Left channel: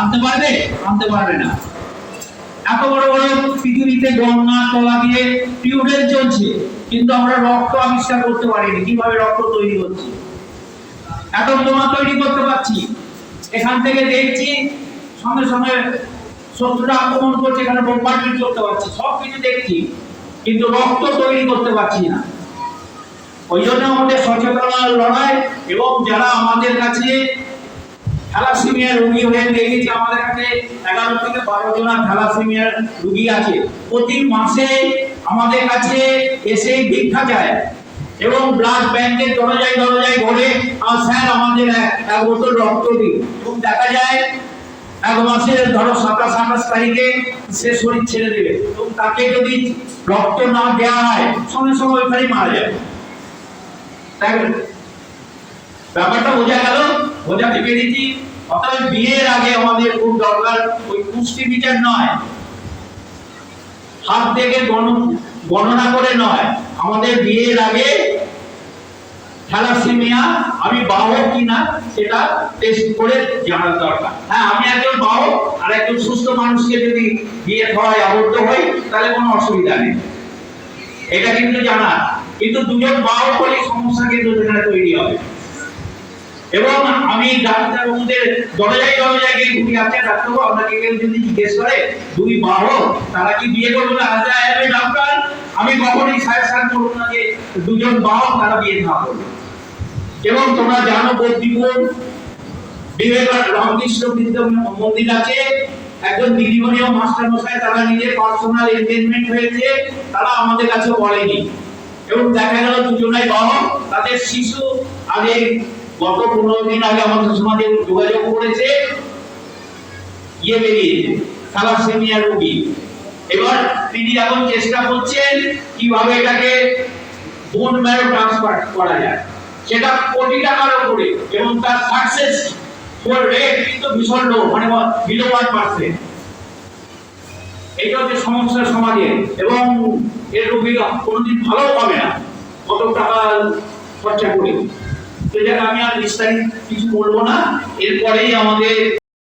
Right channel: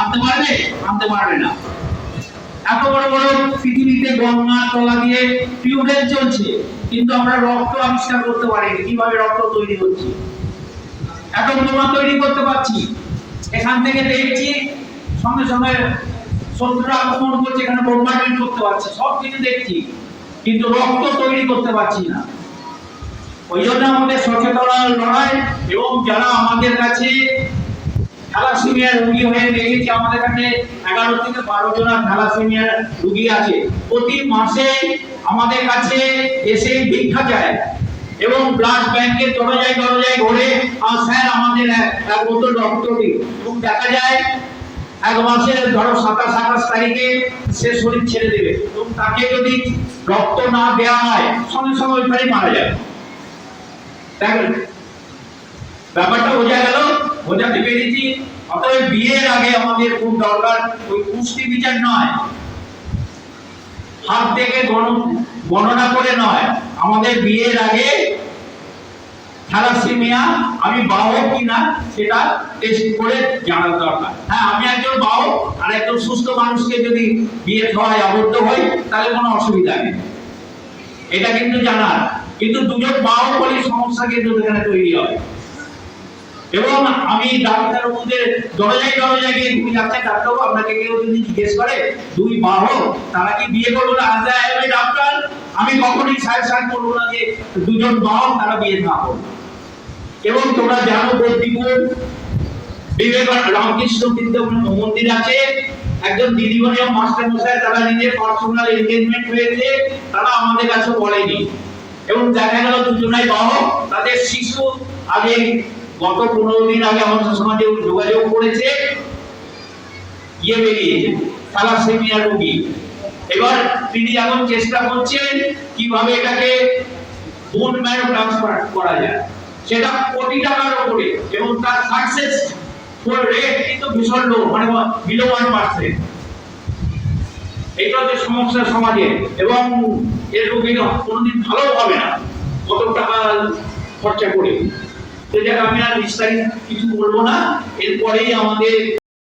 আনতে পারবে? আনতে পারবে না। এত বড় বড় পৃথিবীতে গঙ্গা তলা দিয়ে টিউবওয়েল চলছে, কিন্তু আমরা রক্ত আবিষ্কার করতে পারিনি। কিভাবে রক্ত তৈরি হচ্ছে, অ্যাটম বোমা তৈরি করতে পারছি, এখান থেকে দেখছি সঙ্গে সঙ্গে শত্রুরা আক্রমণ করছে, এখানে বোম্বার্ডমেন্ট করতে পারছি, সবকিছু দেখছি, কিন্তু রক্ত তৈরি করতে পারছি না। ওই জন্য আমাদের সচেতনতার লড়াই। এবং যারা আমাদের কাছে থ্যালাসেমিয়ার রোগী হয়ে দেখেছি, আমাদের কাছে 11 থেকে 12 জন থ্যালাসেমিয়ার রোগী আছে। প্রতি মাসে আমাদের কাছে এসে ভিক্ষা চায় এবং ব্লাড ব্যাংকের দরজায় দরজায় ঘুরে, আর স্যার আমাদের এক বোতল রক্ত দিন। এবং দেখা যায় এক মাসের ধরো 27-28 তারিখে সে শরীর ছেড়ে দেবে, এবং তাকে যদি রক্ত না দেওয়া হয় সঙ্গে সঙ্গে ওইখানেই মারা যাবে। ব্যাপারটা বোঝা গেল, বোঝাতে পেরেছি। অতএব বিয়ের আগে আমাদের খুব দরকার ওই পুষ্টি বিচার নয়, হাত থেকে গণনা করে নয়, আমাদের বিয়ের আগে থ্যালাসেমিয়া আমি বাহক কিনা সেটা টেস্ট করে জানা দরকার। হ্যাঁ, আমি একজন বাহক আর একজন সুস্থ মানুষকে যদি বিয়ে খাওয়ায় আবদ্ধ হই তাহলে কোনো অসুবিধা নেই, এটা কিন্তু জানা। কিন্তু দুজন বাহক হলে সমস্যা কিন্তু এখানে তৈরি হবে। এবং আমি ডাক্তার বাবুদের দরজায় দরজায় গিয়ে ঘুরে যাচ্ছে, ডাক্তারবাবু আপনাকে কেউ যদি জিজ্ঞেস করে দুই বাহক তারা কি বিয়ে করবে না, আজ আমি ডাক্তার আমি কখনোই সাজেশন করবো না যে দুজন বাহক তারা বিয়ে না করবে। এবং তোমরা জানো বদ্রীপুর বিবেকানন্দ রামকৃষ্ণ বিদ্যা মন্দির আছে, একজন দিদিমণি ও মাস্টার মশাই তারা নিজের পার্সোনাল এনগেজমেন্ট হয়েছে, তারা আমাদের কাছে বলেনি। এবং দেখা গেল দুজনাই বাহক, তাদের শিশু আগে গত 15 দিন আগে আমাদের সমাজে যোগাযোগ করেছে, ইয়ে বেরিয়েছে থ্যালাসেমিয়া রোগী। এবার তিনি এখন চেষ্টা করছেন কিভাবে এটাকে বোন ম্যারো ট্রান্সফার করা যায়, সেটা কোটি টাকার উপরে, এবং তার সাকসেস রেট কিন্তু ভীষণ লো, মানে বিলো 1%। এটা হচ্ছে সমস্যা সমাজে, এবং এর রোগী কোনোদিন ভালো হবে না কত টাকা খরচা করে। তো যাক, আমি আর বিস্তারিত কিছু বলবো না, এরপরেই আমাদের